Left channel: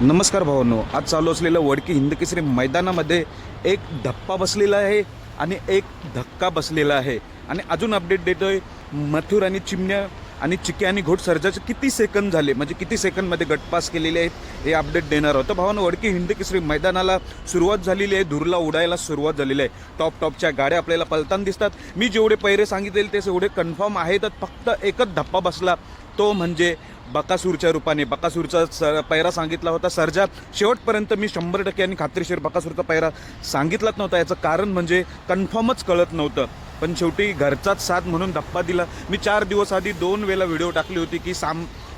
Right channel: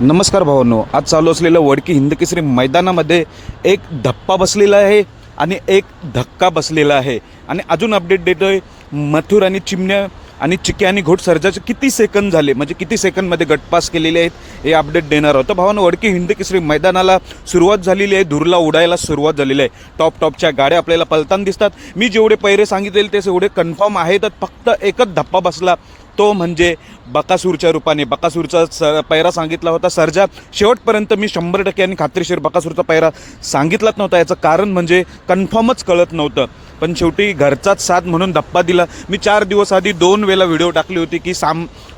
नमस्कार भावांनो, आज चालू असलेल्या वडकी हिंदकेसरी मैदानामध्ये एक धप्पा बसलेला आहे आणि एक धक्का बसलेला आहे. आणि अजून अपडेट देतोय, मथुर आणि चिमण्या आणि चिक्या आणि घोट सर्जाचे किती सेकंद झाले, म्हणजे किती सेकंदमध्ये गटपास केलेले आहेत हे अपडेट देणार आहोत. भावांनो, वडकी हिंदकेसरी मैदानाला सुरुवात झालेली आहे, धुरला उडायला सुरुवात झालेली आहे. टॉपच्या गाड्या आपल्याला पलताना दिसतात. मी जेवढे पैरे सांगितलेले ते एवढे कन्फर्म आहे. तर फक्त एकच धप्पा बसला, तो म्हणजे बकासूरच्या रूपाने. बकासूरचा पैरा सांगितला होता सर्जा. शेवटपर्यंत मी 100% आणि खात्रीशीर बकासूरचा पैरा सांगितलाच नव्हता. याचं कारण म्हणजे कन्फर्मच कळत नव्हतं, पण शेवटी घरचाच साथ म्हणून धप्पा दिला. मी 4 दिवस आधी 2 वेळेला व्हिडिओ टाकली होती की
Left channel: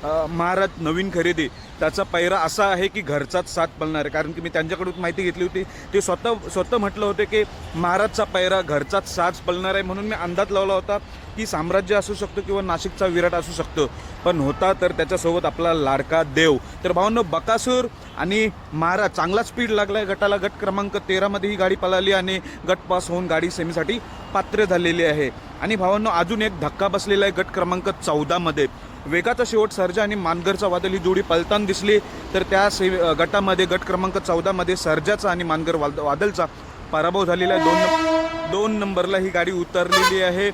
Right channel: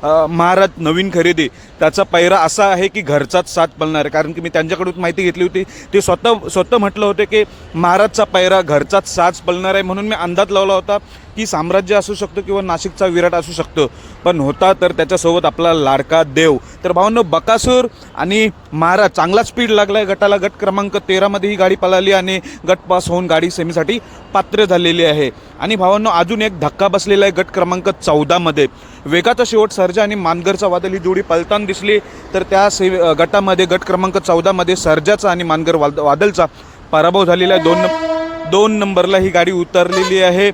महाराज नवीन खरेदी, त्याचा पैरा असा आहे की घरचाच साथ पळणार आहे. कारण की मी त्यांच्याकडून माहिती घेतली होती, ते स्वतः म्हटलं होते की महाराजचा पैरा घरचाच साथ पळणार आहे. म्हणून मी अंदाज लावला होता की साम्राज्य असू शकतो किंवा नाशिकचा विराट असू शकतो, पण होता तर त्याच्यासोबत आपला लाडका देव. तर भावांनो, बकासूर आणि महाराज चांगला स्पीड लागलाय गटाला. गट क्रमांक 13 मध्ये ही गाडी पळाली आणि गट पास होऊन गाडी सेमीसाठी पात्र झालेली आहे. आणि भावांनो, अजून एक धक्का बसलेला आहे गट क्रमांक 14 मध्ये. वेगाचा शेवट सर्जा आणि मानगरचा वादळ ही जोडी पळताना दिसली, तर त्या गटामध्ये गट क्रमांक 14 मध्ये सर्जाचा आणि मानगर वादळचा पराभव झालेला आहे. 2 नंबरला ही गाडी उतरलेली आहे.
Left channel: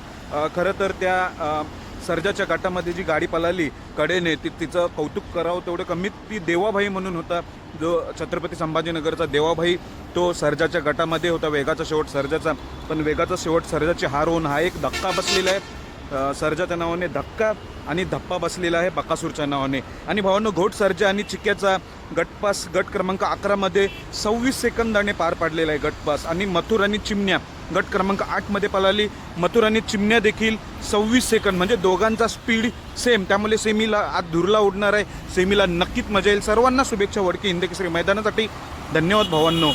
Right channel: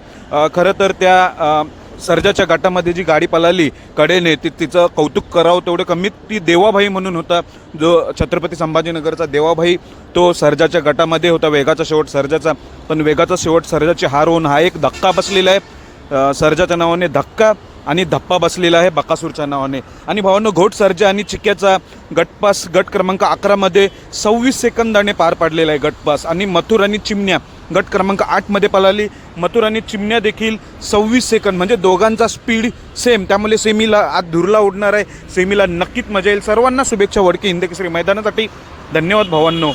खरं तर त्या सर्जाच्या गटामध्ये जी गाडी पळाली कडेने, तिचं कौतुक करावं तेवढं कमीत. ती देवाभाई म्हणून होता, जो छत्रपती संभाजीनगरचा देवाभाई, तो सर्जाच्या गटामध्ये होता. वेगाचा शेवट सर्जाचा, पण वेगाचा शेवट सर्जाची हार होऊन हा एक धक्का बसलेला आहे. सर्जाच्या नावाने धक्का आणि धप्पा बसलेला आहे बकासूरच्या नावाने. आणि भावांनो, घोट सर्जा आणि चिक्याचा गटपास गट क्रमांक 11 मध्ये 26 सेकंदाने पार पाडलेला आहे गटपास. आणि मथुर आणि चिमण्या गट क्रमांक 8 मध्ये पळाली. मथुर आणि चिमण्या देखील 26 सेकंद, म्हणजे दोघांचा स्पीड सेम. त्यामुळे सेमीला आज धुरला उडणार आहे. सेमीला नक्कीच मजा येईल. सर्वांना शुभेच्छा वडकी हिंदकेसरी मैदानासाठी. धन्यवाद भावांनो.